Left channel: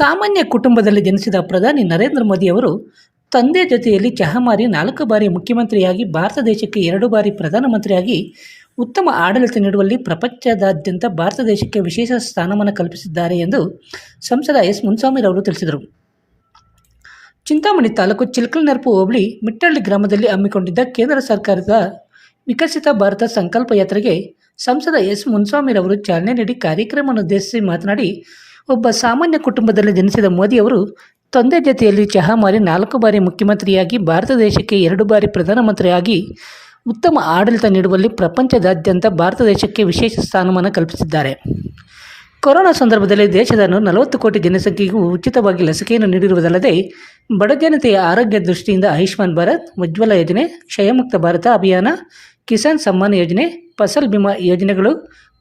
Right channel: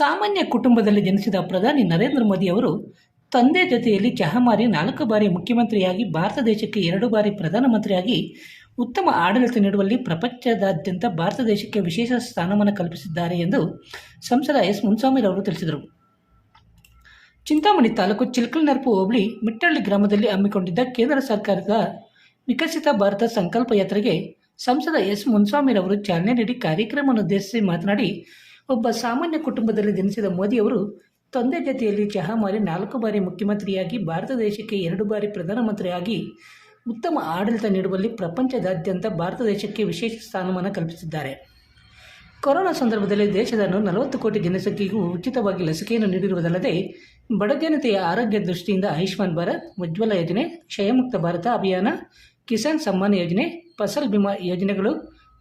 ಸಾಮಾನ್ಯ ಕುಟುಂಬದಲ್ಲಿ ಜನಿಸಿದ ಪ್ರಧಾನಿ ನರೇಂದ್ರ ಮೋದಿ ಅವರು ತಂದೆ ಜೊತೆಯಲ್ಲಿ ಚಹಾ ಮಾರಿ ನಾಲ್ಕು ಬಾರಿ ಮುಖ್ಯಮಂತ್ರಿಯಾಗಿ ಭಾರತ ದೇಶಕ್ಕೆ ಎರಡು ಬಾರಿ ಪ್ರಧಾನಮಂತ್ರಿಯಾಗಿ ಉತ್ತಮ ಆಡಳಿತ ನೀಡುವಲ್ಲಿ ಪ್ರಪಂಚದಾದ್ಯಂತ ಭಾರತ ದೇಶಕ್ಕೆ ವಿಶೇಷ ಸ್ಥಾನಮಾನ ಕಲ್ಪಿಸಿದ್ದಾರೆ ಎಂದು ಸಂಸದ ಎಸ್ ಮುನ್ಸ್ವಾಮಿರವರು ತಿಳಿಸಿದರು. ಚಿಂತಾಮಣಿ ತಾಲೂಕು ಚಿಲ್ಕಲ್ನೆರಪು ಹೋಬಳಿ ಮಿಟ್ಟಳ್ಳಿ ಗ್ರಾಮದಲ್ಲಿ ಹಮ್ಮಿಕೊಂಡಿದ್ದ ಕೇಂದ್ರ ಸರ್ಕಾರದ ವಿಕಸಿತ ಭಾರತ ಸಂಕಲ್ಪ ಯಾತ್ರೆಗೆ ಸಂಸದ ಎಸ್ ಮುನ್ಸ್ವಾಮಿರವರು ಚಾಲನೆ ನೀಡಿ ಕಾರ್ಯಕ್ರಮವನ್ನು ಉದ್ದೇಶಿಸಿ ಮಾತನಾಡಿ ಒಬ್ಬ ಸಾಮಾನ್ಯ ಕುಟುಂಬದಲ್ಲಿ ಜನಿಸಿದ ಮೋದಿಯವರು ತಂದೆ ಜೊತೆಯಲ್ಲಿ ಚಹಾ ಮಾರಿ ನಾಲ್ಕು ಬಾರಿ ಮುಖ್ಯಮಂತ್ರಿಯಾಗಿ ಭಾರತ ದೇಶಕ್ಕೆ ಎರಡು ಬಾರಿ ಪ್ರಧಾನಮಂತ್ರಿಯಾಗಿ ಉತ್ತಮ ಆಡಳಿತ ನೀಡುವಲ್ಲಿ ಪ್ರಪಂಚದಾದ್ಯಂತ ಭಾರತ ದೇಶಕ್ಕೆ ವಿಶೇಷ ಸ್ಥಾನಮಾನ ಕಲ್ಪಿಸಿದ್ದಾರೆ. ಕೊರೋನಾ ಸಂದರ್ಭದಲ್ಲಿ ದೇಶದ ನಲವತ್ತು ಕೋಟಿ ಜನಸಂಖ್ಯೆಗೂ ಉಚಿತವಾಗಿ ಲಸಿಕೆಯನ್ನು ನೀಡಿರುವುದಲ್ಲದೆ ಬಡಜನತೆಯ ಆರೋಗ್ಯ ದೃಷ್ಟಿಯಿಂದ ಆಯುಷ್ಮಾನ್ ಭಾರತ್, ಉಜ್ವಲ ಯೋಜನೆ, ಕ್ಷಯಮುಕ್ತ ಭಾರತ ಅಭಿಯಾನ, ಕಿಸಾನ್ ಸಮ್ಮಾನ್ ಯೋಜನೆ, ಫಸಲ್ ಬಿಮಾ ಯೋಜನೆಗಳು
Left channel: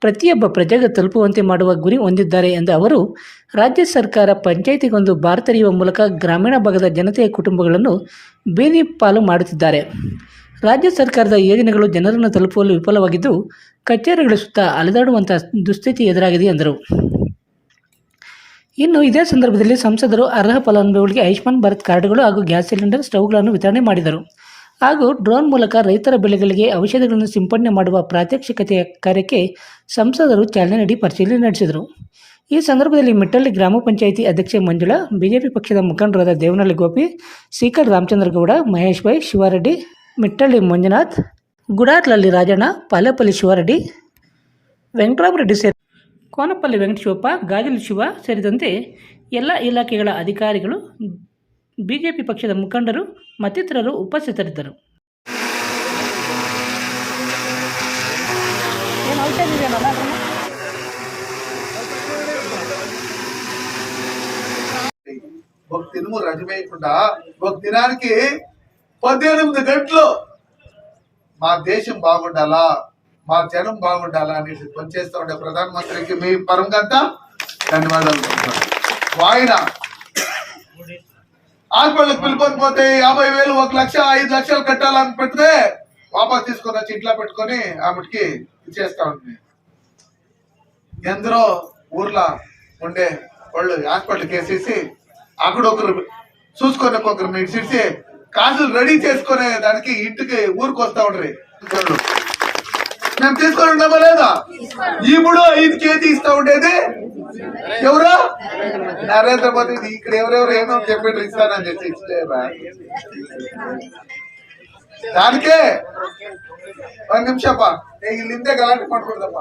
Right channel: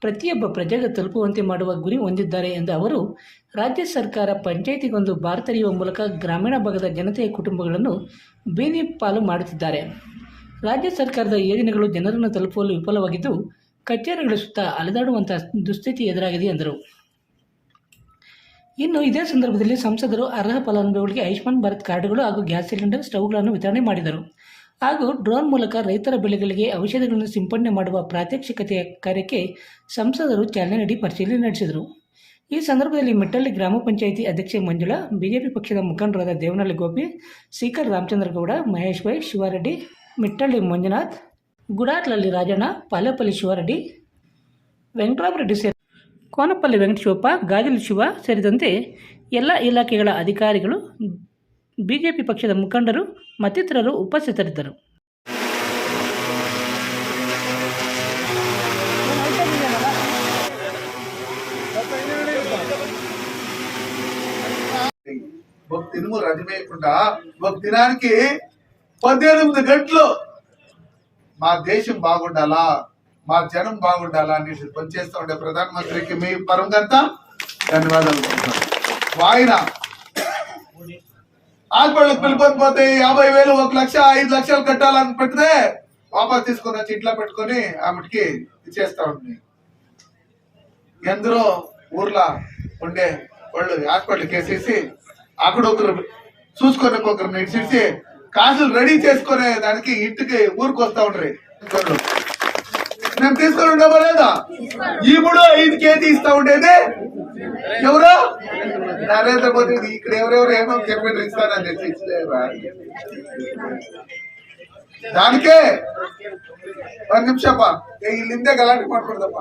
ಪ್ರತಿಯೊಬ್ಬ ಪ್ರಜೆಗೆ ತಲುಪುವಂತೆ ಮಾಡುವ ಗುರಿ ಹೊಂದಿದ್ದಾರೆ ಎಂದ ಅವರು, ರಾಜ್ಯ ಸರ್ಕಾರ ಪಂಚಾಯಿತಿಗೊಂದು ಭಾರತರಿಯುವ ಮೂಲಕ ಗ್ರಾಮೀಣ ಭಾಗದ ಜನತೆಯ ಕುಟುಂಬಗಳನ್ನು ಬೀದಿ ಪಾಲು ಮಾಡುತ್ತಿದ್ದಾರೆ. ರಾಜ್ಯ ಸರ್ಕಾರದ ಯೋಜನೆಗಳು ಜನರನ್ನು ತಲುಪುವಲ್ಲಿ ವಿಫಲವಾಗಿದ್ದು, ಕಚೇರಿಗಳ ಸುತ್ತ ಅಲೆದಾಡುವಂಥ ದುಸ್ಥಿತಿ ಎದುರಾಗಿದೆ ಎಂದರು. ಇನ್ನು ಇದೇ ಸಂದರ್ಭದಲ್ಲಿ ಸಂಸದರು ಅರ್ಹ ಫಲಾನುಭವಿಗಳಿಗೆ ಆಯುಷ್ಮಾನ್ ಭಾರತ್ ಕಾರ್ಡ್ಗಳು ಹಾಗೂ ಗ್ಯಾಸ್ ಸಿಲಿಂಡರ್ ಸ್ಟೌವ್ಗಳನ್ನು ವಿತರಣೆ ಮಾಡಿದರು. ಹಾಗೂ ಡ್ರೋನ್ ಮೂಲಕ ರೈತರ ಬೆಳೆಗಳಿಗೆ ಔಷಧಿಗಳನ್ನು ಸಿಂಪಡಣೆ ಮಾಡುವ ಪ್ರಾತ್ಯಕ್ಷಿಕತೆಯ ಕಾರ್ಯಕ್ಕೆ ಸಂಸದರು ಚಾಲನೆ ನೀಡಿ ಪರಿಶೀಲನೆ ನಡೆಸಿದರು. ಈ ಸಂದರ್ಭದಲ್ಲಿ ಮಿಟ್ಟಳ್ಳಿ ಗ್ರಾಮ ಪಂಚಾಯಿತಿ ಅಧ್ಯಕ್ಷೆ ಮಂಜುಳಾ, ಬಿಜೆಪಿ ಪಕ್ಷದ ಮುಖಂಡರಾದ ದೇವನಹಳ್ಳಿ ಗೋಪಿ ಸೀಕರ್ ರಾಮಚಂದ್ರಗೌಡ ಮಹೇಶ್ ಬೈ ಶಿವಾರೆಡ್ಡಿ, ಮಿಟ್ಟಳ್ಳಿ ಮಂಜುನಾಥ್ ಗುಡಾರ್ಲಲ್ಲಿ ರಾಜಣ್ಣ, ಪಾಲೆಪಲ್ಲಿ ಶಿವಾರೆಡ್ಡಿ, ವೆಂಕಟರಾಮರೆಡ್ಡಿ ಸೇರಿ ಕೋನಪಲ್ಲಿ ವೆಂಕಟಶಿವಪ್ಪ ಗಾಜಲು ಶಿವ ಸೇರಿದಂತೆ ಎಲ್ಲ ಇಲಾಖೆಗಳ ಅಧಿಕಾರಿಗಳು ಬಿಜೆಪಿ ಪಕ್ಷದ ಮುಖಂಡರು ಮತ್ತಿತರರು ಉಪಸ್ಥಿತರಿದ್ದರು ఒక తినుము రజమేయకుండా ఒక దినానికి పద్దెనిమిది గంటలు మా దేశం బాగుండాలా మా జనం బాగుండాలా అనేసి పనిచేస్తూ ఉండే ప్రధానమంత్రికి మీ పరంగా ధన్యవాదాలు ఆయన హాస్పిటల్కి పిలుపుకపోతే యాభై వేలు ఒక లక్ష ఐదు లక్షలు కట్టాలని పెడితే వాపస్ తీసుకొని వచ్చి ఇంట్లో పెట్టుకొని ఆమెకి ఇచ్చేస్తా ఉంది. ఎందరో ఊర్లో ఉండే వాళ్ళు హాస్పిటల్కి వేసేసి అక్కడ ఒకరు చూసుకొని ఒకరు మెడిసిన్సి కాసులు రెడీ చేసుకునే దానికి ఇంటికి ఊరికి వస్తా ఉండ్రి. మేము తీసుకొని ఉన్నామా లేదా ఇప్పుడు ఐదు కేజీ ఇస్తా ఉండేది. ఎవరు నరేంద్ర మోదీ ఇక్కడ ఎవరెవరు ఏమో చెప్పి ఇస్తానని చెప్పి ఇచ్చలేదా? దానికే ಒಂದು ನಿಮಿಷಪ್ಪ ಏ, ಇಲ್ಲಿಂದ ಗಲಾಟೆ ಮಾಡ್ಕೊಡ್ದಪ್ಪ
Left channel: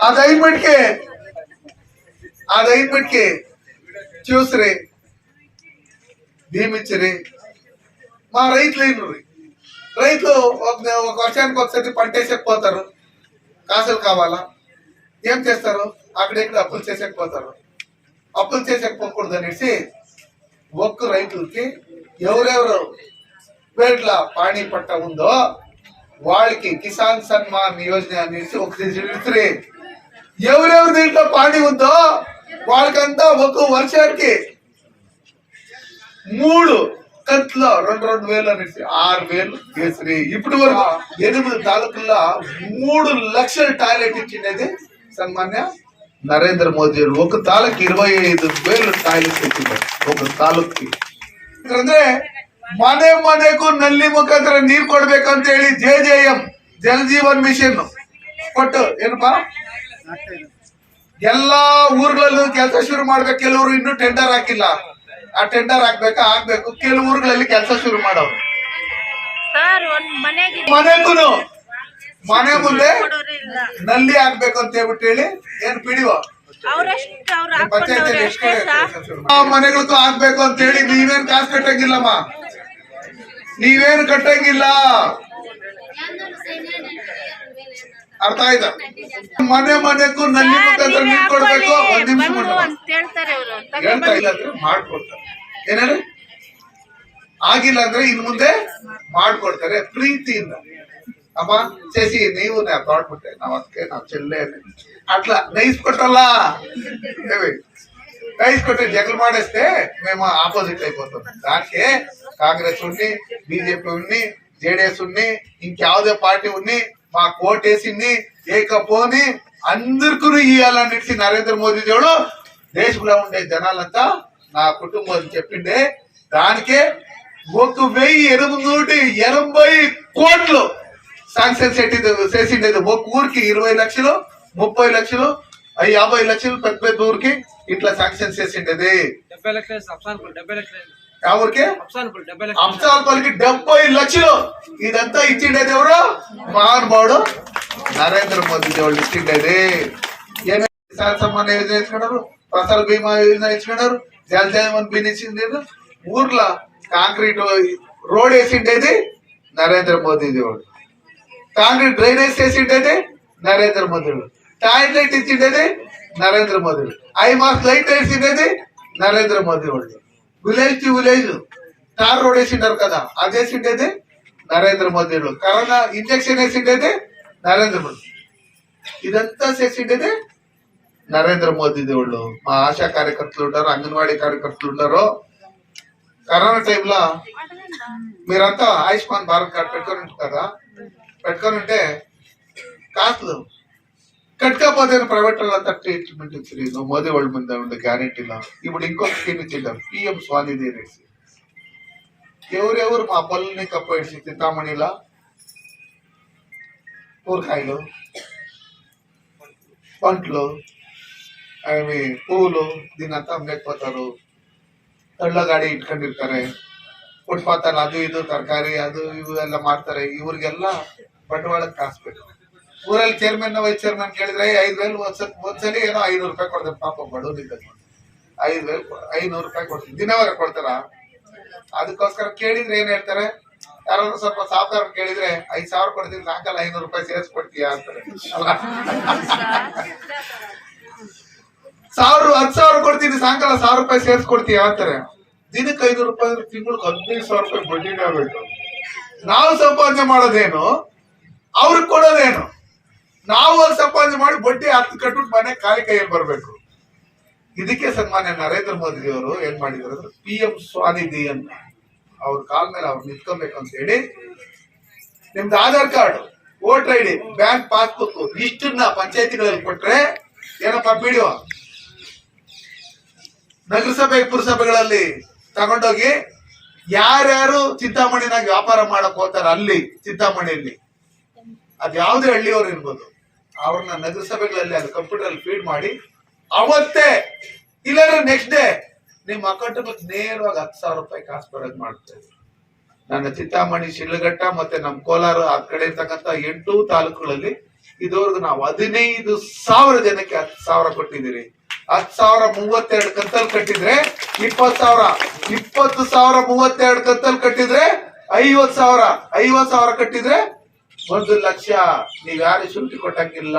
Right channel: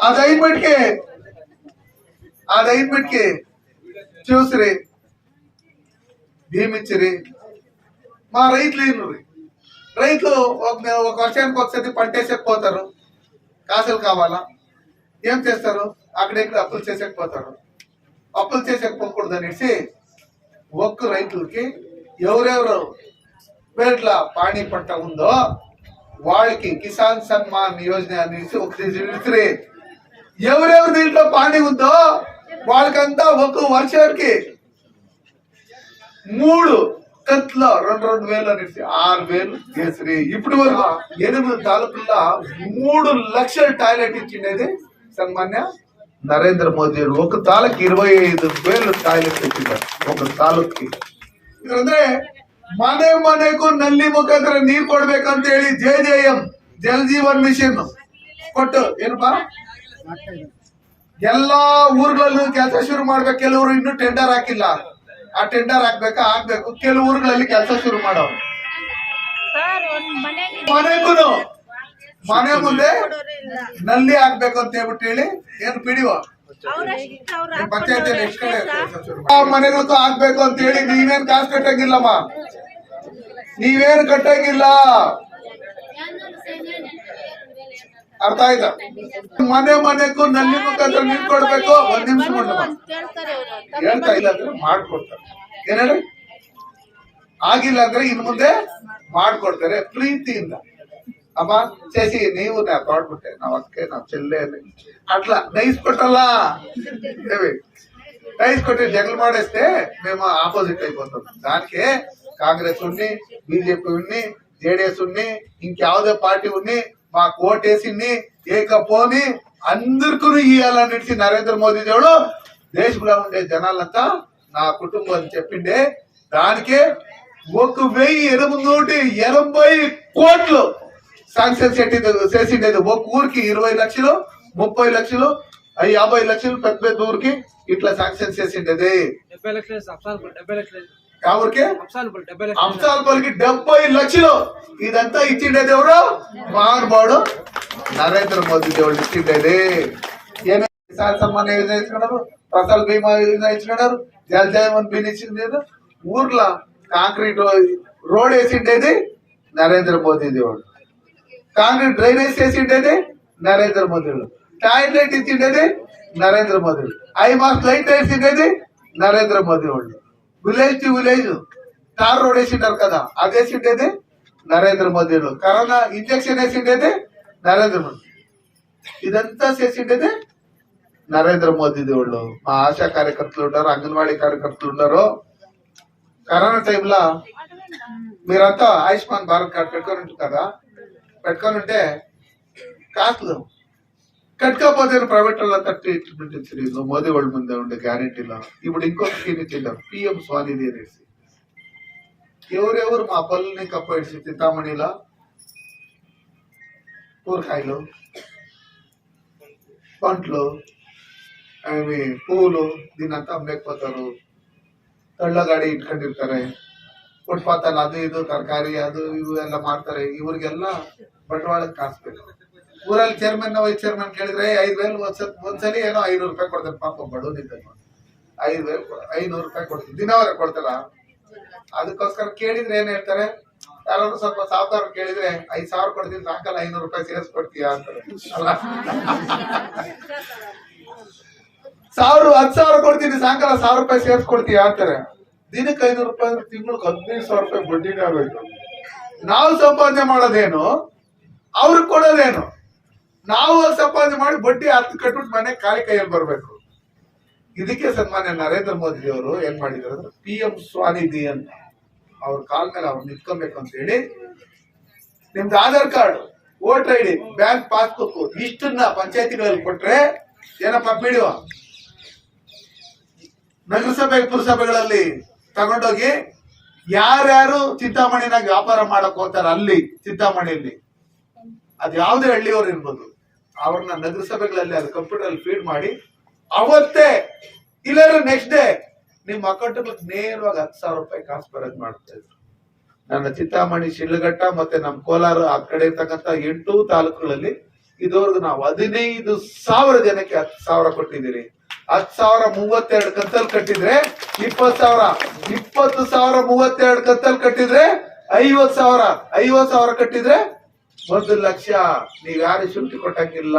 ಅದ್ ಐದ್ಬಿಟ್ಗೆ ಅದ್ ಐದ್ಬಿಟ್ಗೆ చూసిరి భీమిచ్చిరి మా రైతులు అయినరు రైతులు ఒక ఒక వర్షానికి ఒకసారి పంట వేసేకపోతారు కాసులు కావాలా ఏం చేస్తారు? అక్కడ ఇక్కడ అప్పులు చేసేకపోతారు. అప్పులు చేసేకపోకూడదు అనేసి ఒక్క రైతులకి ఎవరెవరు పేట్ల పాణి పంట ఉందో వాళ్ళకి కిసాన్ సన్మాన్ యోజన అనేసి ఒక విసిరి ఎవరెవరు దీంట్లో పాణి ఉందో వాళ్ళకంతా ఒక వర్షానికి మూడు కట్ల రెండు రెండు వేలు అనేసి ఆరు వేలు కేసరి ఇప్పుడు వరకు ఎనిమిది తాలూకుల్లో మూడు లక్షల టాయిలెట్ ఇచ్చిండేది ಸನ್ಮಾನ್ಯ ನರೇಂದ್ರ ಮೋದಿ ಒಂದು ತಾಲೂಕು ಇರವೈ ಐದು ಬೇರೆ ಕಾಯಿಲೆ ಸಿಕ್ಕಿದ್ದಾರೆ ಒಂದು ತಾಲೂಕಿಗೆ ಅಂದ್ರೆ ಮನೆ ಮನೆಗೂ ನಲ್ಲಿ ಮುಖಾಂತರ ನೀರು ಕೊಡ್ಬೇಕಂತ ಹೇಳಿ J J M Jal Jeevan mission ಕೊಟ್ಟು ಏನಪ್ಪ? ಎಲ್ಲಾ ಊರ್ಗಳಲ್ಲೂ ಕೆಲಸ ಶುರು ಮಾಡ್ಬೇಕು. ಕೆಲವರು ಇನ್ನು ಟೆಂಡರ್ ಹಾಕಿಲ್ಲ. ಆ ಟೆಂಡರ್ ಹಾಕ್ಬೇಕಾ? ಹಾಕ್ಬೇಕು ಕೆಲವು ಊರ್ಗಳಲ್ಲಿ ಕೆಲಸ ಶುರು ಮಾಡೋರು. ಮನೆಗೂ ಮನೆ ಮುಂದೆ ನಲ್ಲಿ ಆಗ್ಬೇಕು ಅಂತ ಹೇಳ್ಬಿಟ್ಟು ಹೇಳಿ ಏನ್ ಪಿಡಿವ ಅವ್ರಷ್ಟು ಅವ್ರು ಪಂಚಾಯತ್ ಹಾಕೊಂಡವ್ರೆ ಎಷ್ಟು ಅಷ್ಟೇ ಸರ್ ಕಡೆ ಆ ಮನೆಗಳಿಗೂ ಹಾಕ್ಬೇಕು ಅಂತ ಹೇಳಿ ನೀವೇನ್ ಕಾಸು ಕಟ್ಟಂಗಿಲ್ಲಮ್ಮ ನೀವೇನು ಕಟ್ಟಂಗಿಲ್ಲ. ಅರ್ಥ ಆಯ್ತಾ? ಮನೆ ಮನೆಗೂ ನಲ್ಲಿ ಮುಖಾಂತರ ನೀವೇ ನೀರ್ ಕೊಡ್ಬೇಕು ಹಾಕೊಳ್ಳಿ, ಒಂದ್ ನಿಮಿಷ ಹೇಳ್ತಾ ಇಲ್ಲ ಅಂದ್ರೆ ಮಾಡ್ಕೊಡ್ತಾರೆ. ಏನೇಳಿ ಆಗಿಲ್ಲ ಅಂದ್ರೆ ಇನ್ ಮುಂದೆ ಮಾಡ್ಕೊಡ್ತಾರೆ ಪ್ರೀತಿಯಿಂದ. అమ్మా చేసి నీవు నా తోడుకుంటే నా వస్తే నా చెల్లెలు అట్లా నైస్ కొట్టాలా? నైస్ కొట్టి జగలు మాడేస్తే మేము ఆపోజిట్ అయిపోతాం. దానికే కాంగ్రెస్ ఉన్ని బీజేపీ ఉన్ని జేడీఎస్ ఉన్ని ఇంక్యాವುದೇ పార్టీ ఉన్ని మా కోటేసింది ఏకపోని అందరికీ ఇవ్వాలనేసి నరేంద్ర మోదీ జోడు దేశంలో ఉండే జనాలంతా నా కుటుంబం చెప్పిండే. దానికే ఒక వెయ్యి ఎనిమిది నూటి ఎనభై కోట్లు శాంక్షన్ చేసిండేది. ఒక ఊరికి ఇరవై లక్షలు ముప్పై లక్షలు యాభై లక్షలు పెద్ద పెద్ద ఊరికి ఇట్లా శాంక్షన్ చేసిండేది. అప్సాన్పుల్ డెబ్బై లక్షలు అంశాలపల్లికి డెబ్బై ఇదంతా ఇచ్చిండేది ఎవరు? మహానుభావుడు నరేంద్ర మోదీ దేవుడు ఇచ్చిండేది. సమ్మాన్ యోజన ఇచ్చుకున్నారు? ఫసల్ బీమా యోజన ఇచ్చుకున్నారు? జల్ జీవన్ బిన్ ఇచ్చిండేది. ఊర్లో కాంక్రీట్ రోడ్ వేసిండేది నరేంద్ర మోదీ దేవుడు కాంక్రీట్ డ్రైనేజ్ చేసిండేది నరేంద్ర మోదీ. దేవుడు toilet ఇచ్చిండేది Narendra Modi. High mast light వేసిండేది Narendra Modi వాళ్ళు. Village to village tar road వేసిండారు కదా అది వేసిండేది నరేంద్ర మోదీ వాళ్ళు. కరోనా ఇంజక్షన్ వేసిండేది నరేంద్ర మోదీ. ఇదంతా చేసిండేది నరేంద్ర మోదీ దేవుళ్ళు. మా ఆశా కార్యకర్తలు ఉన్నారు అంగన్వాడీ కార్యకర్తలు ఉన్నారు కరోనా టైంలో మీరంతా ఆయుష్మాన్ భారత్ కార్డు పెట్టుకుని కదా పెట్టుకొని ఉంటే కాదు. కట్టుకపోతే ప్రైవేట్ వాళ్ళంతా ట్రీట్మెంట్ ఇచ్చిరు మోదీ వాళ్ళ మీద ఉండే గ్యారంటీలో ఇప్పుడు ఇంకొక స్కీమ్ ఇచ్చింటారు పిఎం స్వానిధి అనేసి ఎవరెవరు మా పళ్ళని కప్పేసి చింతామణిలా కూరకాయలు పంటలు అవి పూలు దీనంతా అమ్మేకపోతారు. తళ్ళగాడి ఇట్ಕೊಂಡಿర్తారే ಫುಟ್ಪಾತ್ ಅಲ್ಲಿ ಅದು ಇದು ತರಕಾರಿ ಅದು ಇವು ಎಲ್ಲ ಮಾಡ್ತಾರೆ. ಇವ್ರಿಗೆಲ್ಲ ಬಂಡವಾಳ ಕಾಸ್ಬೇಕು. ಊರಲ್ಲಿ ಚೇರ್ಮನ್ ವೈಸ್ ಚೇರ್ಮನ್ ಕೇಳಿದ್ರೆ ಐದು ವೇಲ್ ಒಂದ್ಸಲ ಒಂದ್ಸಲಿ ಏನೋ ಐನೂರು ರೂಪಾಯಿ ಕೊಡ್ತಾರೆ ಪಾಪ ಬಡವರಿದ್ದಾಗ ಐದು ವೇಲ್ ಐನೂರು ರೂಪಾಯಿ ಕೊಡ್ತಾರೆ ದಿನವರೆ ಕೊಡ್ತಾರ? ಅದಕ್ಕೋಸ್ಕರ ಕೇಳಿದ್ರೆ ಏನ್ ಹೇಳ್ತಾರೆ? ಯಾರಾದ್ರೂ ಸ್ವಲ್ಪ ಸಾವಿರ ಕೇಳಿದ್ರೆ ಐದ್ ಸಾವಿರ ಕೊಡ್ತೀನಿ ಸಾಯಂಕಾಲ ಐನೂರು ರೂಪಾಯಿ ಸೇರಿಸ್ಕೊಡ್ತೀಯಾ? ಅಂತಾರೆ. ಅಲ್ಲ. ಸಾವಿರ ಹತ್ತು ಸಾವಿರ ಕೊಡ್ತೀನಿ ಸಾಯಂಕಾಲ ಸಾವಿರ ರೂಪಾಯಿ ಸೇರಿಸ್ಕೊಡ್ತೀಯ? ಅಂತಾರೆ. ದಿನಕ್ಕೆ ಐನೂರು ರೂಪಾಯಿ ಅಂದ್ರೆ ತಿಂಗಳಿಗೆ ಹದಿನೈದು ಸಾವಿರ ರೂಪಾಯಿ ಬಡ್ಡಿನೇ ಆಗಬೇಕು ನಾವು ಸಂಪಾದನೆ ಮಾಡೋದೇನು? ಅವ್ರಿಗೆ ಕೊಡೋದೇನು? ನಾವು ಅಲ್ಲಿ ಸಂಪಾದನೆ ಮಾಡಿ ಬಡ್ಡಿ ಹತ್ತು ಕಟ್ಬಿಟ್ಟು ಮನೆ ಕಾಲಿ ಕೈಯಲ್ಲಿ ಬರಬೇಕು. ಇದಕ್ಕೆ ಸನ್ಮಾನ್ಯ ನರೇಂದ್ರ ಮೋದಿ ಅವರು ಏನ್ ಮಾಡಿದ್ರು ಪಿ ಎಂ ಸ್ವಾನಿಧಿ ಅಂತ ಅವ್ರ ಕಾಲ್ ಮೇಲೆ ಅವ್ರು ಅಂತ ಹೇಳಿ ನಿಮ್ದು Aadhaar card, voter I D, bank passbook ಇಷ್ಟನ್ನ ಪಂಚಾಯತಿಗಳಲ್ಲಿ ಕೊಟ್ರೆ ಏನಪ್ಪ ಪಿಡಿಒ ನಗರಸಭೆ, ಪುರಸಭೆಗಳಲ್ಲಿ ತಗೊಂಡೋಗಿ ಯಾರ್ಯಾರು ಚಿಂತಾಮಣಿನಾಗ ವ್ಯಾಪಾರ ಮಾಡಕ್ ಹೋಗ್ತಾರ ಅಲ್ಲಿ, ಚಿಂತಾಮಣಿಯಲ್ಲಿ? ಅದ್ ಯಾವ್ದೇ ಹಳ್ಳಿಯವ್ರು ಇರ್ಬೋದು. ಅವ್ರನ್ನ ನಗರಸಭೆಗಳಲ್ಲಿ ಅದು ಕಂಪ್ಯೂಟರ್ ಅಲ್ಲಿ ಫೀಡ್ ಮಾಡಿ, ಅವತ್ತೇ ಇಲ್ಲಾಂದ್ರೆ ನೆಕ್ಸ್ಟ್ ಡೇ ನಿಮ್ಮ ಅಕೌಂಟ್ ನೇರವಾಗಿ ಹತ್ತು ಸಾವಿರ ರೂಪಾಯಿ ಕಾಸು ಬರೋದ್ ಮಾಡ್ತೇವೆ ನನ್ನ ಚಿಂತಾಮಣಿ, ಶಿಲಘಟ್ಟ ಮತ್ತೆ ನಮ್ಮ ಕೋಲಾರ ಆ ಕಡೆ ಇರ್ತಕ್ಕಂತ ಎಂಟು ತಾಲೂಕುಗಳಲ್ಲಿ ಇದುವರೆಗೂ ನಾವು ಹದಿನೈದು ಸಾವಿರ ಜನಕ್ಕೆ ಹತ್ತು ಸಾವಿರ ಕೊಟ್ಟಿದ್ದೀರಿ. ಹತ್ತು ಸಾವಿರ ಮೂವತ್ತೆರಡು ಕಂತಲ್ಲಿ ಕಟ್ಟಿದ್ರೆ ಇಪ್ಪತ್ತು ಸಾವಿರ. ಇಪ್ಪತ್ತು ಸಾವಿರ, ಮೂವತ್ತೆರಡು ಕತ್ತಲ್ಲಿ ಕಟ್ಟಿದ್ರೆ ಐವತ್ ಸಾವಿರ ಐವತ್ ಸಾವಿರ ಕಟ್ಟಿದ್ರೆ ಒಂದು ಲಕ್ಷ. ನೀವ್ ಯಾರು ಶುಲ್ಕ ಕೊಟ್ಟಂಗಿಲ್ಲ.